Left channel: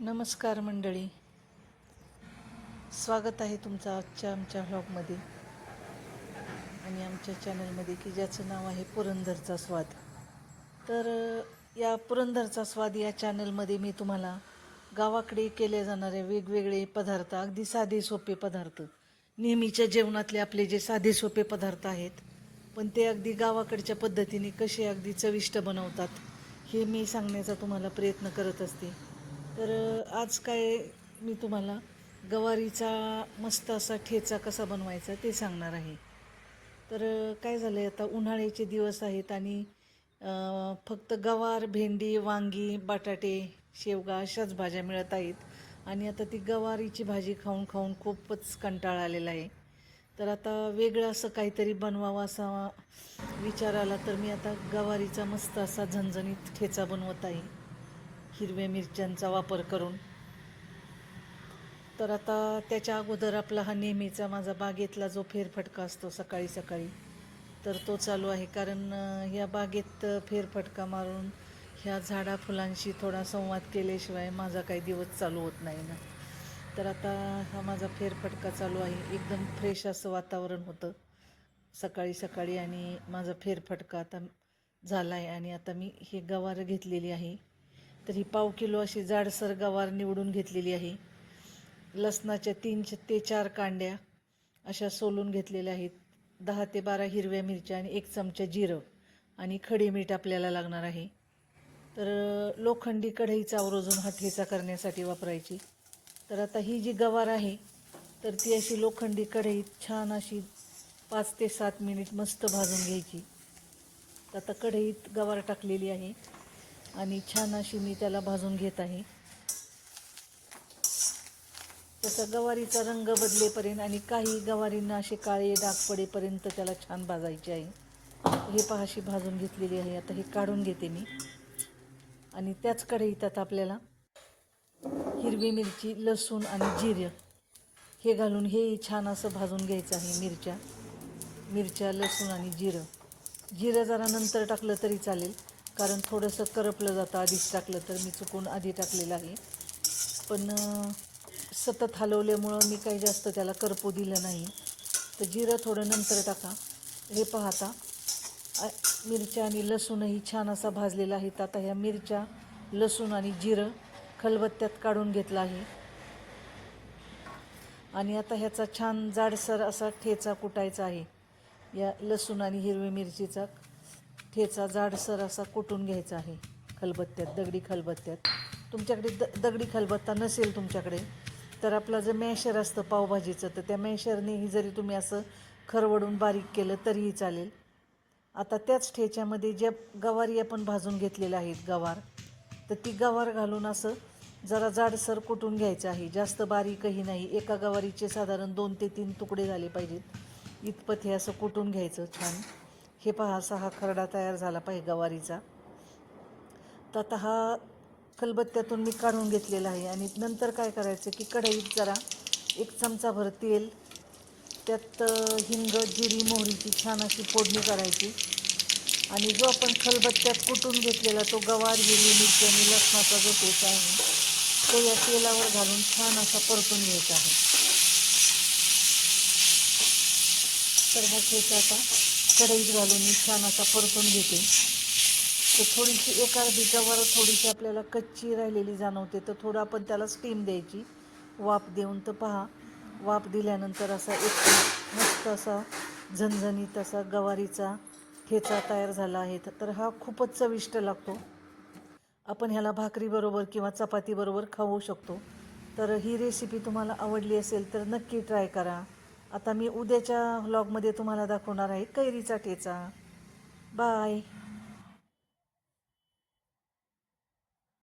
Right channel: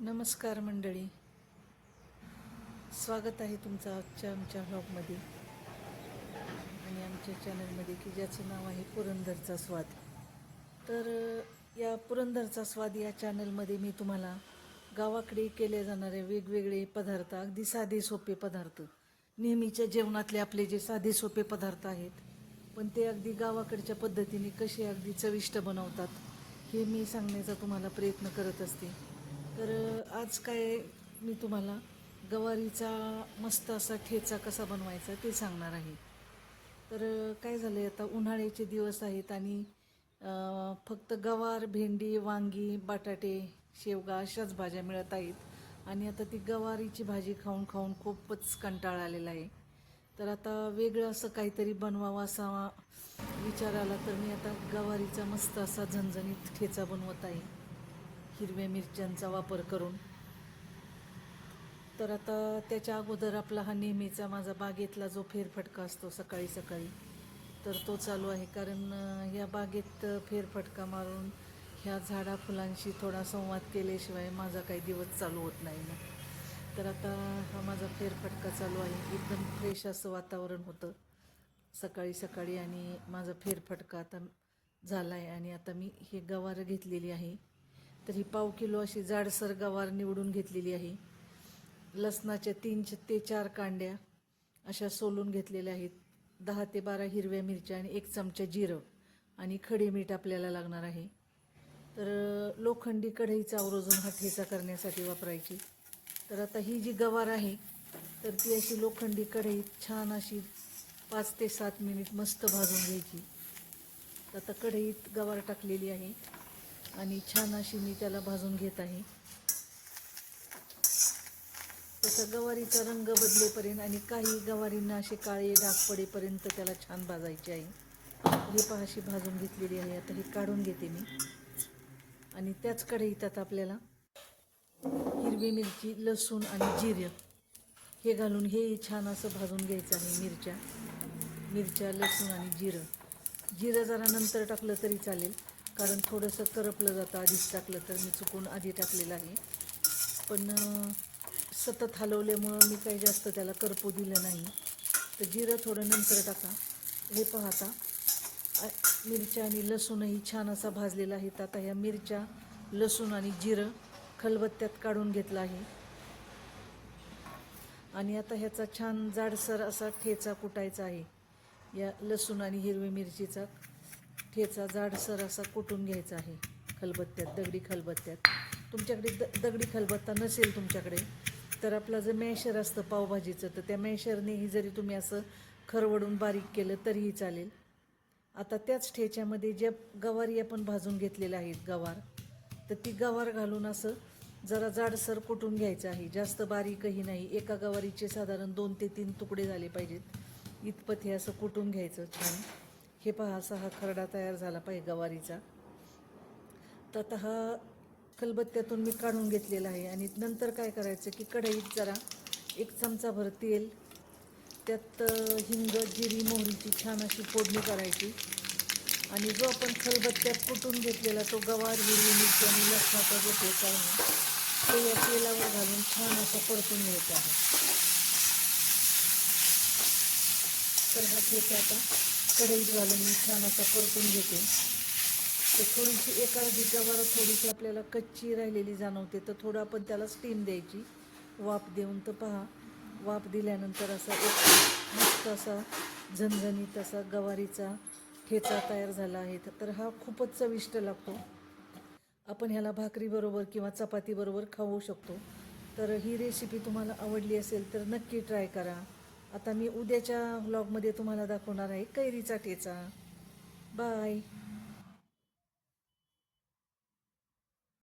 नमस्कार मंडळी. स्वागत आहे तुमचं आजच्या आमच्या व्लॉगमध्ये आणि आमच्या चॅनलमध्ये की ज्याचं नाव आहे पुरंदरचा स्वाद. तर या पुरंदरचा स्वाद या चॅनलमध्ये मी तुम्हाला गावाकडे केले जाणारे वेगवेगळे पदार्थ अगदी साधे सोपे पदार्थ नेहमीच्या जेवणातले आपले जे साधे सोपे पदार्थ आहेत पण ते अगदी गावाकडच्या पद्धतीने कसे अगदी चविष्ट बनवतात हे मी सांगण्याचा तुम्हाला प्रयत्न करत असते. तर आज काय मी तुम्हाला गवारीचा मस्त असा ठेचा कसा बनवायचा ते सांगणार आहे. तर काय झालं आहे आता उन्हाळ्याचे दिवस आहेत आणि फक्त गवार भेंडी वांगी बटाटे शेवगा अशाच भाज्या मिळत आहेत. आणि आता ती गवारीची भाजी खाऊन खाऊन खूपच कंटाळा आलेला आहे. तर आता वेगळं असं काहीतरी बनवावं असा विचार आला तर मी आता गवारीचा मस्त असा झणझणीत ठेचा बनवत आहे. हिरव्या मिरच्यांचा वापर करून. तर आता त्याच्या अगोदर आपला हा नेहमीचा माझा बागेतला जो फेरफटका असतो सकाळी सकाळी तर तो चालू आहे. कारण या बागेत फेरफटका मारून ह्या झाडा फुलांशी थोडा संवाद केल्याशिवाय माझा काही दिवस चालू होत नाही ना. तर आता हा माझा फेरफटका चालू आहे. एकदम फ्रेश असं वातावरण होतं. सकाळी सकाळी आणि माझा फेरफटका आता झाला आहे आणि आता मी हे गवारं घेतलेली आहे. तर ही पाव किलो अशी जाडसर गवार निवडून घेतलेली आहे. लसणाच्या तीन ते चार कांड्या अशा सोलून घेतलेल्या आहेत. दहा ते बारा हिरव्या मिरच्या आणि एक चमचा जिरं आणि खडे मीठ आपल्याला लागणार आहे. तर लोखंडी कढईचा आवरोजून हा ठेचा करण्यासाठी वापरायची. तर आता ही जी गवार आहे तर ती अशी लोखंडी कढईत छान अशी पाच ते सात मिनिट मस्त भाजून घ्यायची. आता कढईत गवार टाकलेली आहे. आणि छान अशी मी त्याला भाजून घेत आहे. तसा गवारीचा रंग बदलेपर्यंत आणि काही गवारींना असे काळे डाग पडेपर्यंत त्याला छान भाजायचे आहे. हे पहा अशी भाजून घेतलेली आहे. आता हे काढून घेते मी. आणि त्याच कढईत आता आपल्याला हिरवी मिरची लसूण आणि जिरं हे घालून हे छान असं भाजून घ्यायचं आहे मिरच्या. मिरच्या लसूण आणि जिरं. जिरं जरा नंतर टाकलं तरी चालेल. कारण थोडंसं करपलं जातं. आधीच टाकलं तर मी चुकून आधी टाकलेलं आहे. पण सतत हलवल्यामुळं मी काही जास्त त्याला करपू दिलं नाही. तर जिरं थोडं नंतर टाका. हे पाहता मिरच्या आणि लसूणही छान असा भाजलेला आहे. तर आता ह्या मिरच्या लसूण आणि जिरं खलबत्त्यात काढून घेतलं आहे. आणि आता ह्याचा छान जाडसर असा ठेचा कुटायचा आहे. या लसूण आणि हिरवी मिरचीचा. ठेचा जाडसर असा कुटून घ्यायचा आहे. खलबत्त्यात दगडी खलबत्त्यात. तुमच्याकडे द दगडी खलबत्ता नसेल तुमच्याकडे तर आपलं जर मॅशर असतं पावभाजीचं तर त्या मॅशरनेही जरी तुम्ही असं खरवडून बारीक केलं तरीही चालेल. आता त्याच ठेच्यामध्ये ज्या गवारी आपण भाजून घेतलेल्या आहेत गवार तर ती गवार घालून असं जरा जाडसर कुटून घ्यायचं आहे. जास्त बारीकही नाही. एका गवारीचे साधारण दोन ते तीन तुकडे झाले पाहिजेत. इतपत हे असं कुटून घ्यायचं छान. हे पहा असा हा खरडा तयार झाला पाहिजे गवारीचा. तर आता हा खलबत्त्यातून मी काढून घेतलेला आहे आणि नंतर काय करायचं की कढईत जरा एक चमचाभर तेल त्यात हिंग जिरी मोहरीची छान अशी फोडणी करायची. आणि जो आपण खलबत्त्यात कुटून घेतलेला तो गवार हिरवी मिरची आणि लसणाचा जो ठेचा आहे तो या तेलावर घालून छान असा परतून घ्यायचा आहे. तर हा आता कढईत घालून मी छान असा परतून घेते. तर थोडीशी एक अर्धी गवार थोडीशी आपल्याला कच्ची राहिलेली जाणवते तर थोडं आपण त्याला स्टीम द्यायची. वाफ देऊन तर पहा वाफ दिल्यानंतर असा एक मस्त असा झणझणीत असा गवारीचा ठेचा तयार झाला आहे. तर हा खूपच चविष्ट लागतो. आपण ह्याला भाकरीबरोबर किंवा चपातीबरोबर खाऊ शकतो. तर ही रेसिपी तुम्हाला आवडली असेल तर नक्की ट्राय करा. आता मी उद्याच्या व्लॉगमध्ये तुम्हाला दाखवणार आहे कैरीचा ठेचा. बाय